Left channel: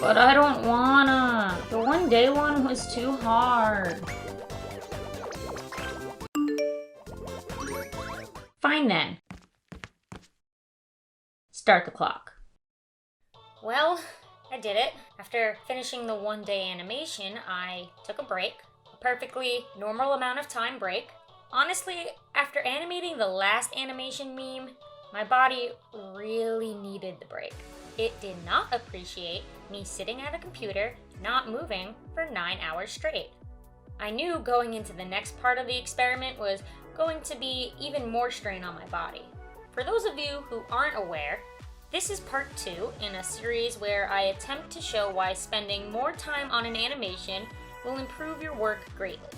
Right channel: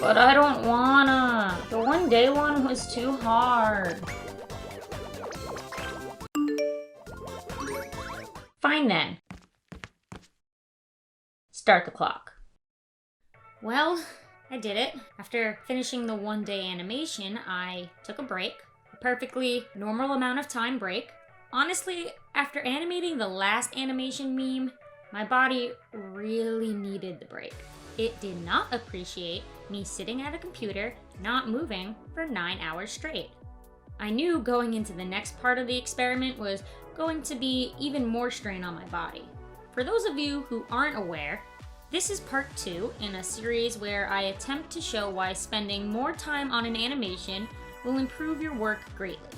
But I don't wanna. The one day one was too hard. Fine then. Start the clock. Well, I did it. After finishing the one-day animation, I took a break. A perfectly normal amount of time break. Honestly, after animating the last animation meme, my body really needed the break. It did not appreciate me sitting at a computer, not moving for 9 hours straight. I knew going into the next part of the experiment was going to be even more strain on my body. For those of you who aren't aware, this is part 2 in a series where I attempt to show why spending more time on an animation will improve your work greatly.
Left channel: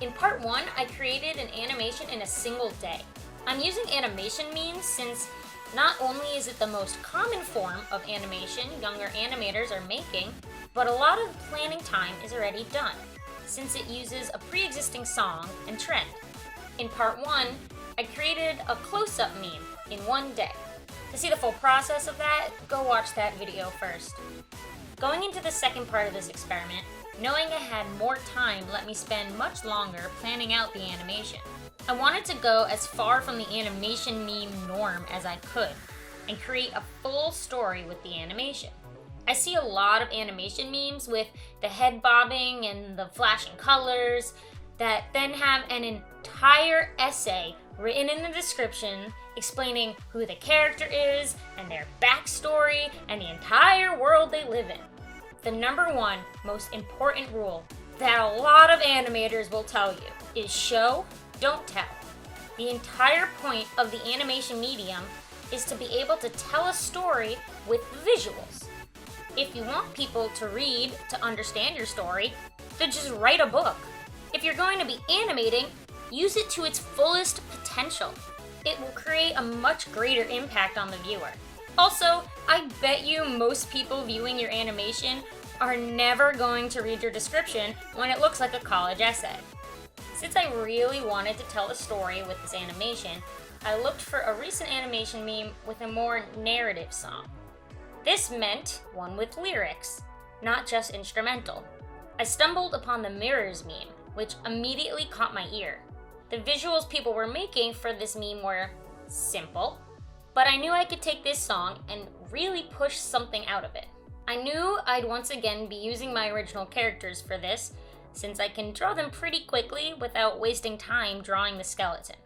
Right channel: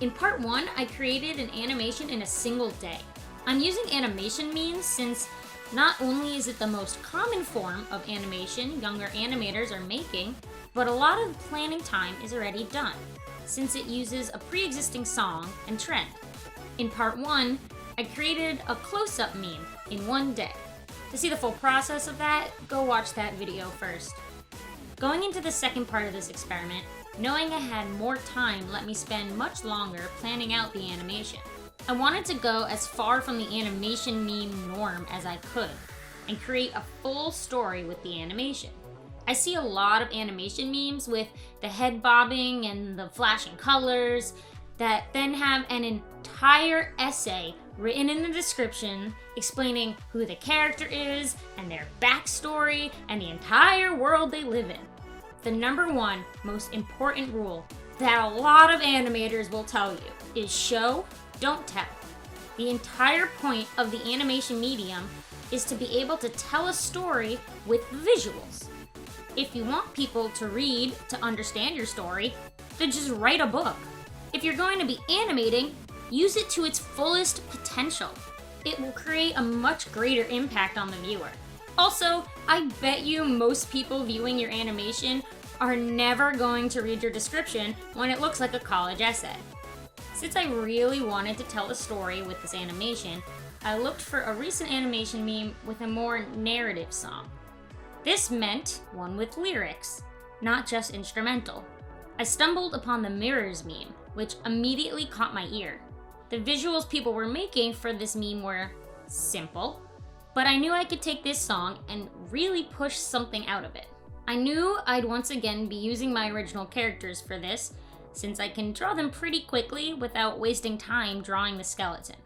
In part 1, I created an animation in a single day. I'm using animation memes since not only is it the most common form of animation younger animators are making, but a lot of the planning time is already done, since it uses a pre-existing song and trend. In part 1, I created a close-up meme in one day. To see the full process of that, go watch that video first. Going into the second part of this experiment, knowing I had more time let me spend much longer planning out the animation. I wanted to go as far from the animation meme norm as I could, and create a full story with the animation. I see a lot of animation memes with the head bobbing and the flashing colors that then have an entire essay written in the description explaining who the character is and their backstory and the entire world they live in. The number one most important rule that a lot of animators will tell you is show, don't tell. The entire point of the animation medium is to be able to tell a story with visuals. If you want people to read to understand your story, then just write a book. If you're going to be animating, use it to its fullest potential. It will create a much greater impact on the viewer. Also, I bet you most people viewing your animation are never going to read your description when it looks like a college essay. Since I really wanted to tell a story with this animation, I looked for a recent animation meme with a more narrative song. This meant one with lyrics, not just instrumental. I stumbled upon the Mirrors meme, which immediately caught my ear. The visuals people were making for this meme were simple, but I knew I could take this song and really push something out of it. I knew I'd once again be using my original characters for this, since I can draw them pretty quickly without wasting time drawing the skeleton.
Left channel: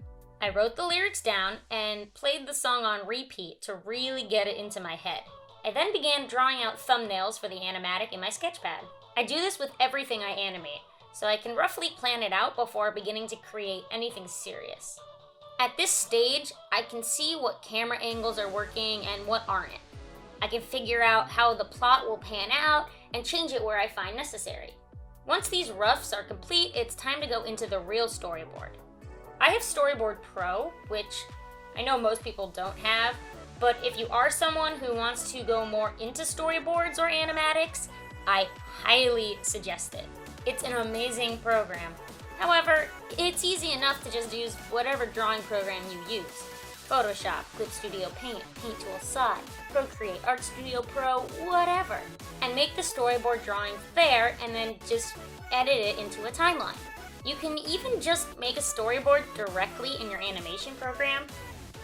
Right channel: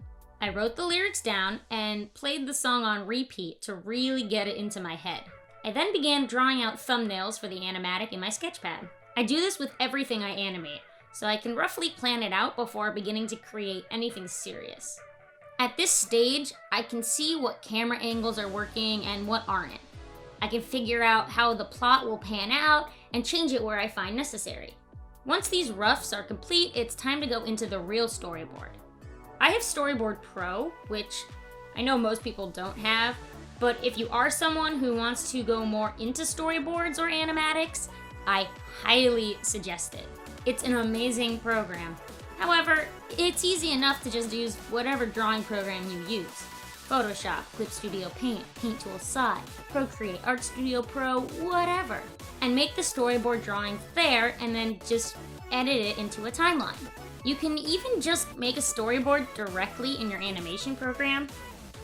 I wrote the lyrics down and played the song on repeat to really get it into my head. I then began drawing out thumbnails for the animatic in my sketchpad. I do this with everything I animate, so I can roughly plan it out before beginning to create anything serious. At this stage, I can see what camera angles are working and what aren't. I can figure out how the plot will pan out and change it where I find necessary. Once these roughs are complete, it's time to go into the real storyboard. I have Storyboard Pro, which I know most people don't have, but if you are someone who wants to go more into storyboards or animatics, I highly suggest it. It's an amazing program. However, it's easy enough to just use whatever drawing program you use. Photoshop, Clip Studio Paint, Paint Tool Sai, Procreate, Art Studio Pro, whatever. And make the storyboard drawings there and then just edit it into a timeline. You can even just make a storyboard directly in your animation program.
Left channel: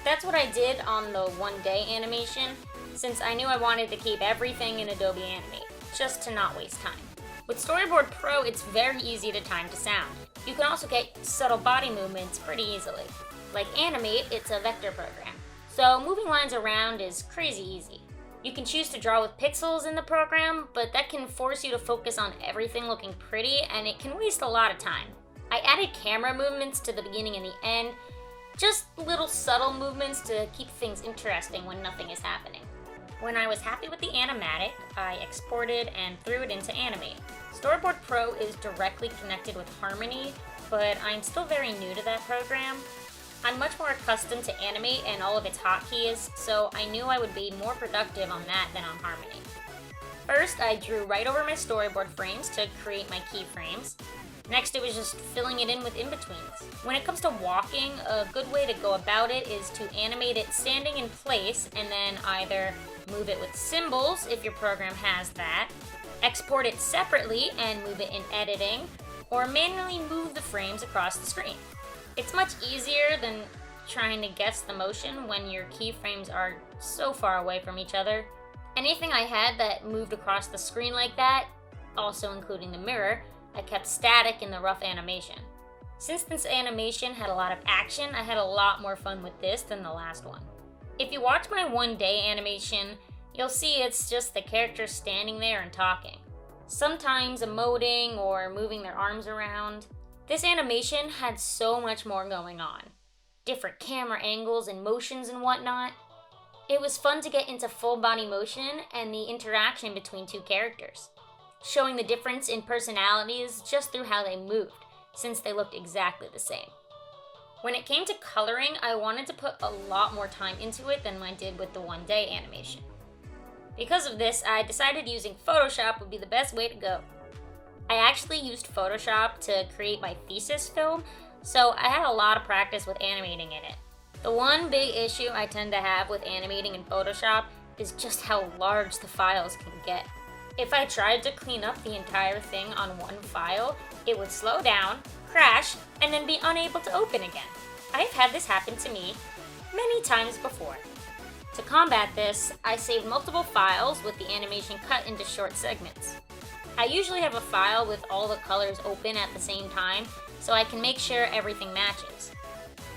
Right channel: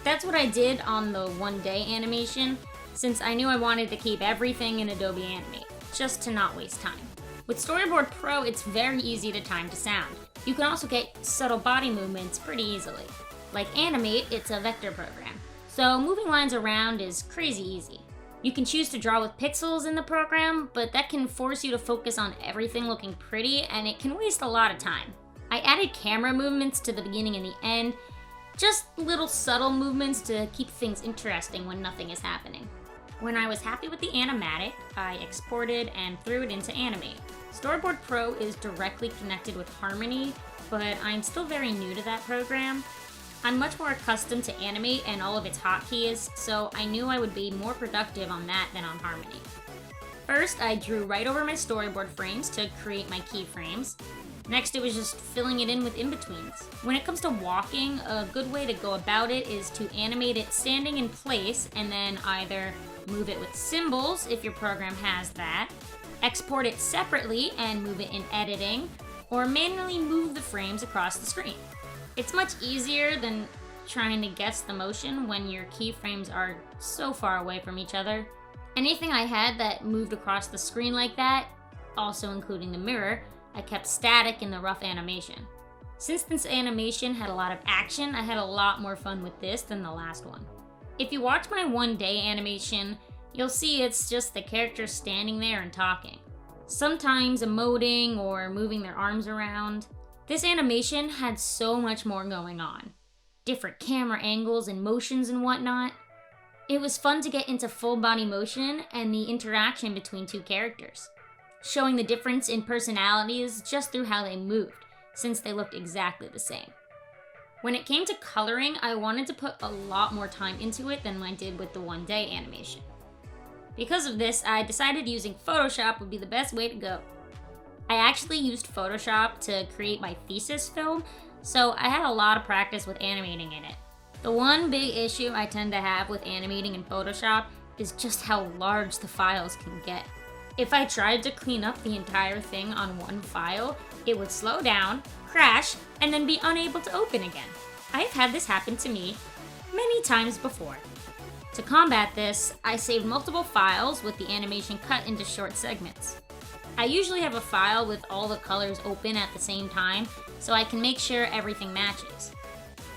That's what I did on the one-day animation, since I knew I wanted to keep everything in Adobe Animate, just to not waste time. With Storyboard Pro, it's very easy to time to sound. You can also get subtle body movements pretty easily. Like Animate, it's a vector program, so moving lines around is crazy easy. You can choose to draw with pixels in the program, but that can force you to focus on everything looking pretty, and it can waste a lot of time. I added camera movements to the beginning and the end, just little subtle movements to keep things interesting when nothing is happening. When I was happy with the animatic, I exported and threw it into Animate. Storyboard Pro is directly connected with Harmony, but I'm still very new to that program. I'm much more accustomed to Animate and all of its hotkeys, so I knew I would be more productive on that than on Harmony. First, I drew right over my storyboard frames to create my keyframes. Next, it was just filling it in with in-betweens. When it comes to walking, a good way to go about it is to animate it standing in place and then either move it with symbols if your program has that, export it separately and move it in editing, or manually move the frames across the screen. It's much easier than trying to guess the motion when your keyframes are so far away from each other. Anything I had that moved across the screen like that, also including the mirror, I kept static in the rough animation. Since this animation had a lot of action, I had a lot more fun with this than the last one. If you watch my one-day animation, you'll see it's just the characters standing there and talking. Sometimes emoting or moving their arms around. This animation had so much more going on. Different camera angles and motions and whatnot. It was fun to get into full body motion and the interaction between two characters, showing the difference in personalities just through how they moved, since they looked exactly the same. When it came to coloring, I wanted to put a lot more time into it than I did with the one-day animation. Because of this, I decided using Photoshop would be the best way to go. I actually used Photoshop to create my thesis film, so I had a lot of practice with animating in it. The one big issue I tend to have with animating in Photoshop is just how large the files can get. If I tried to clean up the entire thing on one file, it would slow down, crash, and then be unable to open again. I've had this happen to me many times before. To combat this, I saved multiple files with the animation cut into short segments. I usually have a file with all the colors open at the same time, so I can make sure everything matches.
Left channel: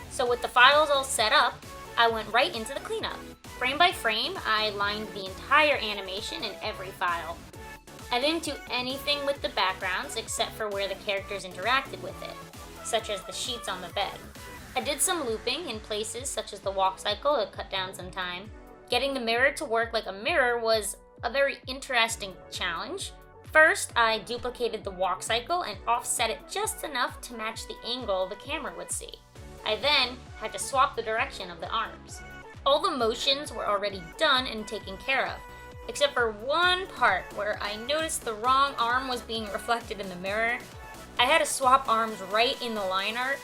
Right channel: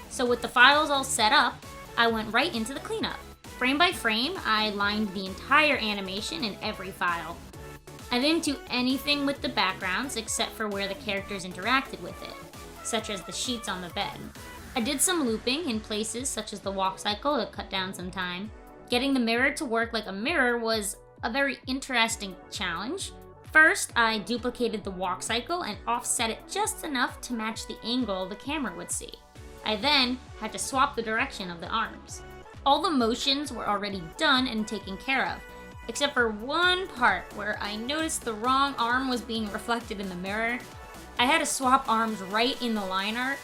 So with the files all set up, I went right into the cleanup. Frame by frame, I lined the entire animation in every file. I didn't do anything with the backgrounds except for where the characters interacted with it, such as the sheets on the bed. I did some looping in places such as the walk cycle to cut down some time. Getting the mirror to work like a mirror was a very interesting challenge. First, I duplicated the walk cycle and offset it just enough to match the angle the camera would see. I then had to swap the direction of the arms. All the motions were already done and taken care of, except for one part where I noticed the wrong arm was being reflected in the mirror. I had to swap arms right in the line art.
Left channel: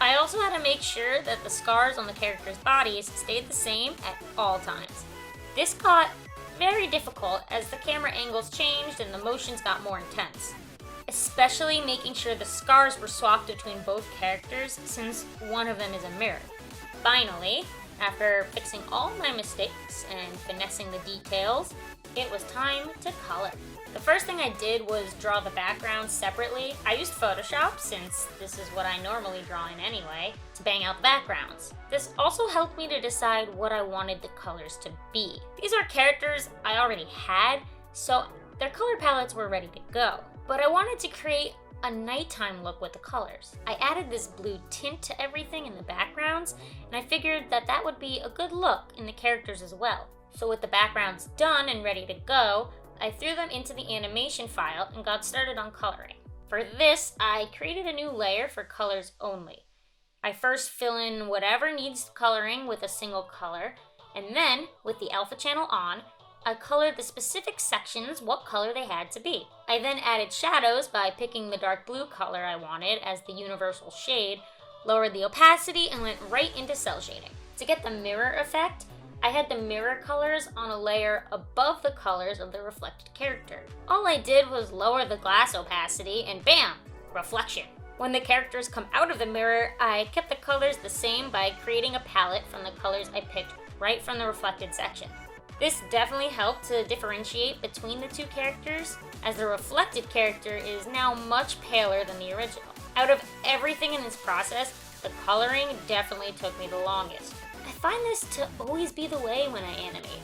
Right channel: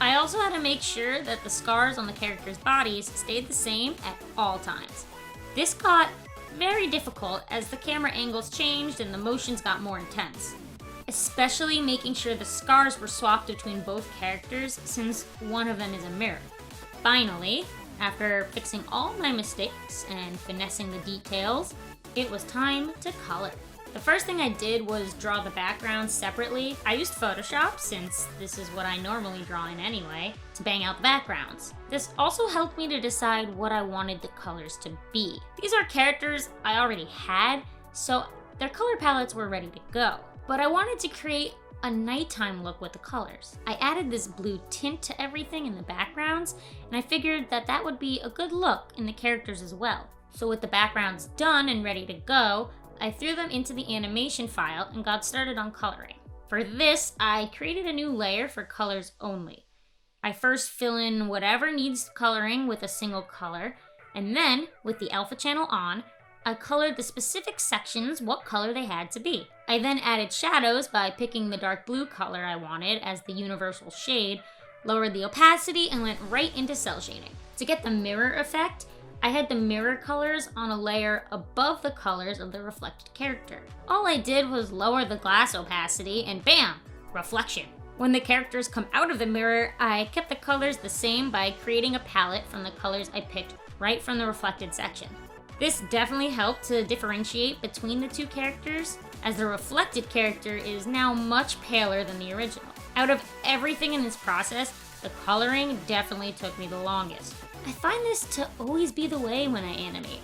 I also had to make sure that the scars on the characters' bodies stayed the same at all times. This got very difficult as the camera angles changed and the motions got more intense, especially making sure the scars were swapped between both characters since one of them is a mirror. Finally, after fixing all my mistakes and finessing the details, it was time to color. The first thing I did was draw the backgrounds separately. I used Photoshop, since this is what I normally draw in anyway, to bang out the backgrounds. This also helped me to decide what I wanted the colors to be. These are characters I already had, so their color palettes were ready to go. But I wanted to create a nighttime look with the colors. I added this blue tint to everything in the backgrounds, and I figured that that would be a good look in the characters as well. So with the backgrounds done and ready to go, I threw them into the animation file and got started on coloring. For this, I created a new layer for colors only. I first fill in whatever needs coloring with a single color, and then, with the alpha channel on, I colored the specific sections what color they had to be. I then added shadows by picking the dark blue color I wanted as the universal shade, lowered the opacity, and went right into cell shading. To get the mirror effect, I had the mirror colors on a layer above the colors of the reflected character. All I did was lower the glass opacity and bam, reflection. When the characters come out of the mirror, I kept the colors the same by creating a palette from the colors I picked right from the reflected section. This definitely helped to differentiate between the two characters, as the reflected character is now much paler than the original. Out of everything in this process, the coloring definitely took me the longest. I find this to always be the way when I animate.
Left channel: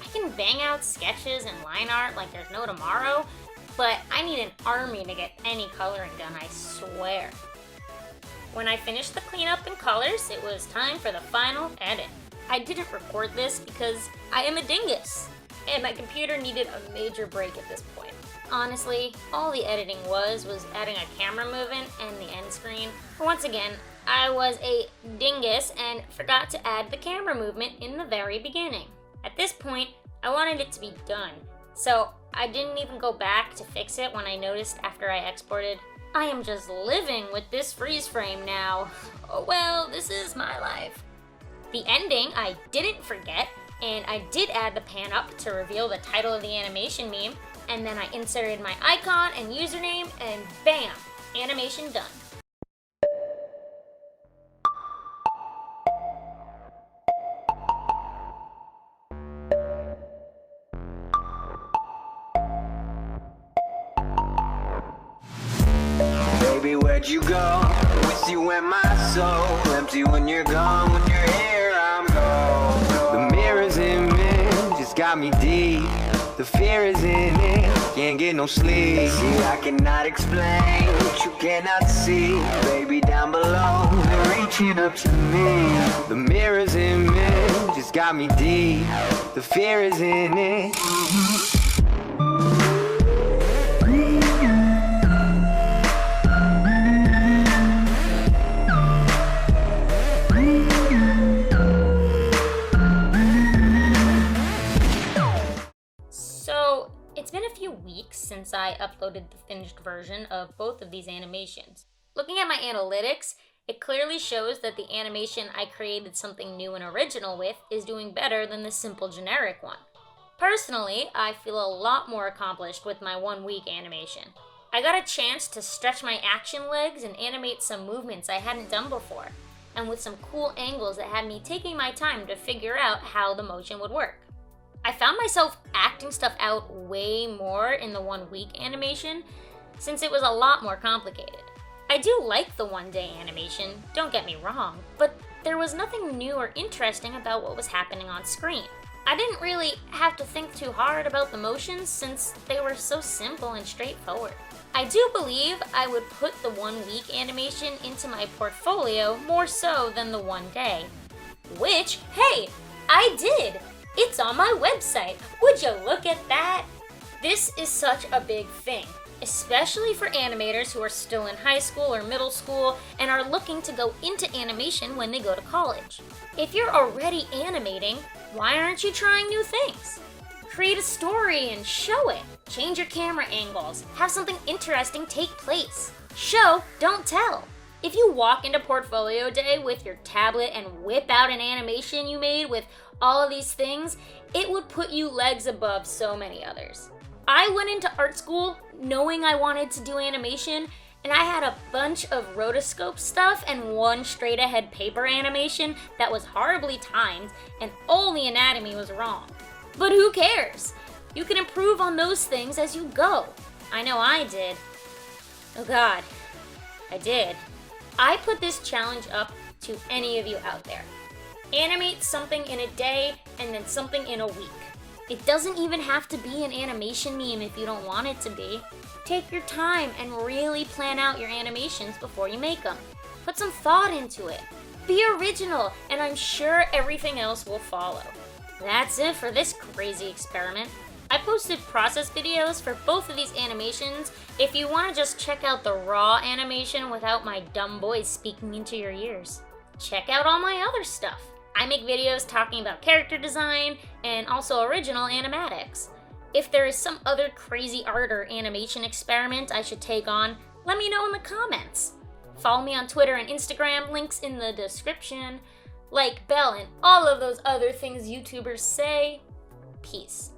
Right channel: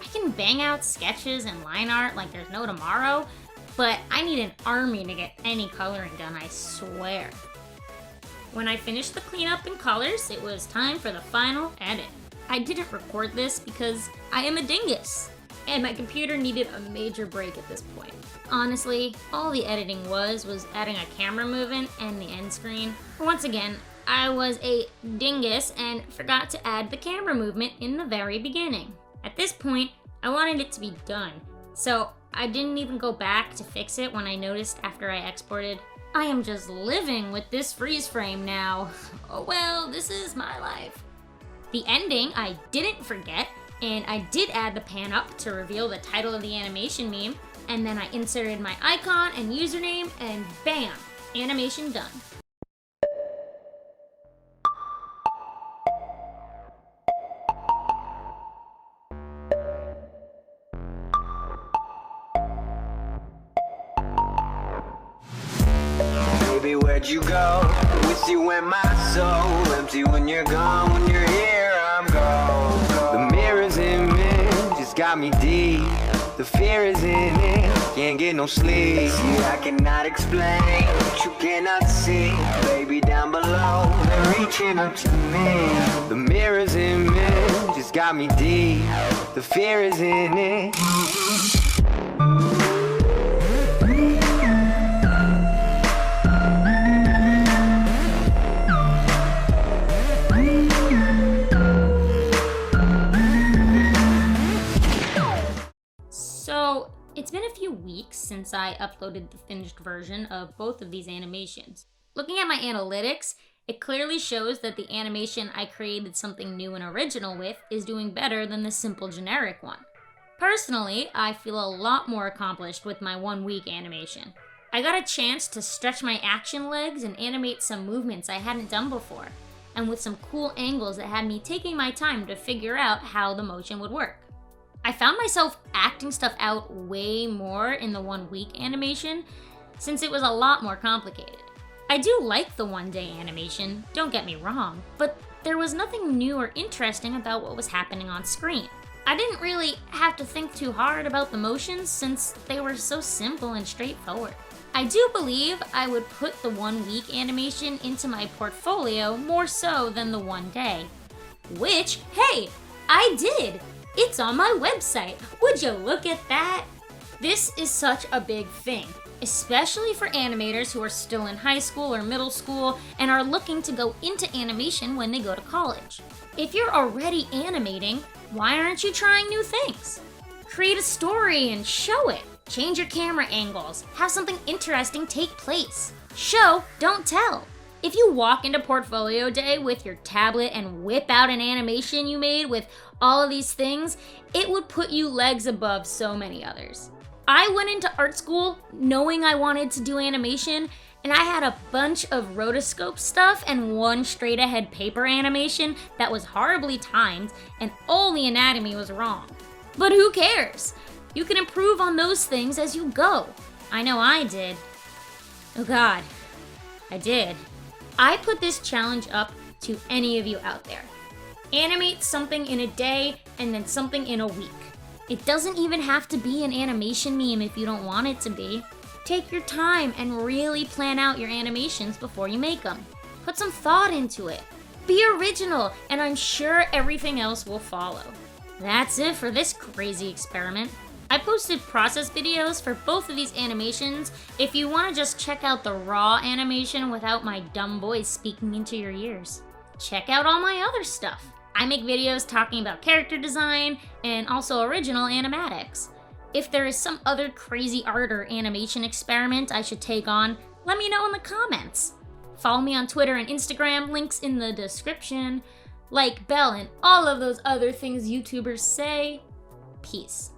I can bang out sketches and line art like there's no tomorrow, but I need an army to get any coloring done, I swear. When I finished the cleanup and colors, it was time for the final edit. I didn't record this because I am a dingus, and my computer needed a major break at this point. Honestly, all the editing was adding a camera movement and the end screen. Once again, I was a dingus and forgot to add the camera movement in the very beginning. At this point, I wanted it to be done, so I didn't even go back to fix it when I noticed after I exported, I am just living with this freeze frame now. Oh well, this is my life. The ending I didn't forget, And I did add the pan up to reveal the title of the animation meme, and then I inserted my icon and username, and bam, animation done. Baby, where'd you go? With you in my soul. Empty when you're gone. When you're here, I'm gone. The mirrors in me just got me deep. The fear is in it. Can't get no sleep. See, I cannot explain what you cannot see. Baby, down below, they're reaching up to me. The mirrors in me just got me deep. The fear is in it. So, it's been a few weeks since I uploaded the finished version of both of these animations. Looking at my analytics, it clearly shows that the animation I created something new and original with is doing better than the simple generic one. Personally, I feel a lot more accomplished with my 1 week animation. I got a chance to stretch my action legs and animate some movements I hadn't done before, and with some cool angles that had me taking my time to figure out how the motion would work. I found myself acting stuff out way more in the 1 week animation, since it was a lot more complicated. I do like the 1 day animation, don't get me wrong, but there was nothing new or interesting about what was happening on screen. I didn't really have to think too hard about the motions since they were so simple and straightforward. I do believe I would put the 1 week animation into my portfolio more so than the 1 day. Which, hey, I did! It's on my website. Would you look at that? This is such a big thing, especially for animators who are still in high school or middle school and are looking to go into animation when they go to college. If you're already animating, why aren't you trying new things? Create a story and show it. Change your camera angles. Have something interesting take place. Show, don't tell. If you walk into portfolio day with your tablet and whip out an animation you made with all of these things, it would put you legs above so many others. I went into art school knowing I wanted to do animation, and I had a bunch of rotoscope stuff and 1 straight ahead paper animation that was horribly timed and all the anatomy was wrong. But who cares? You can improve on those things as you go. I know I did. Oh God, I did. I put this challenge up to any of you out there. Animate something in a day and then something in a week. It doesn't even have to be an animation meme if you don't want it to be. Take your time and really plan out your animations before you make them. Put some thought into it. Be original, and I'm sure everything else will follow. That's it for this crazy experiment. I posted process videos for both of these animations if you want to just check out the raw animation without my dumb voice speaking into your ears. Check out all my other stuff. I make videos talking about character design and also original animatics. If there is some other crazy art or animation experiment I should take on, let me know in the comments. Follow me on Twitter and Instagram, links in the description. Like bell and all of those other things YouTubers say. Peace.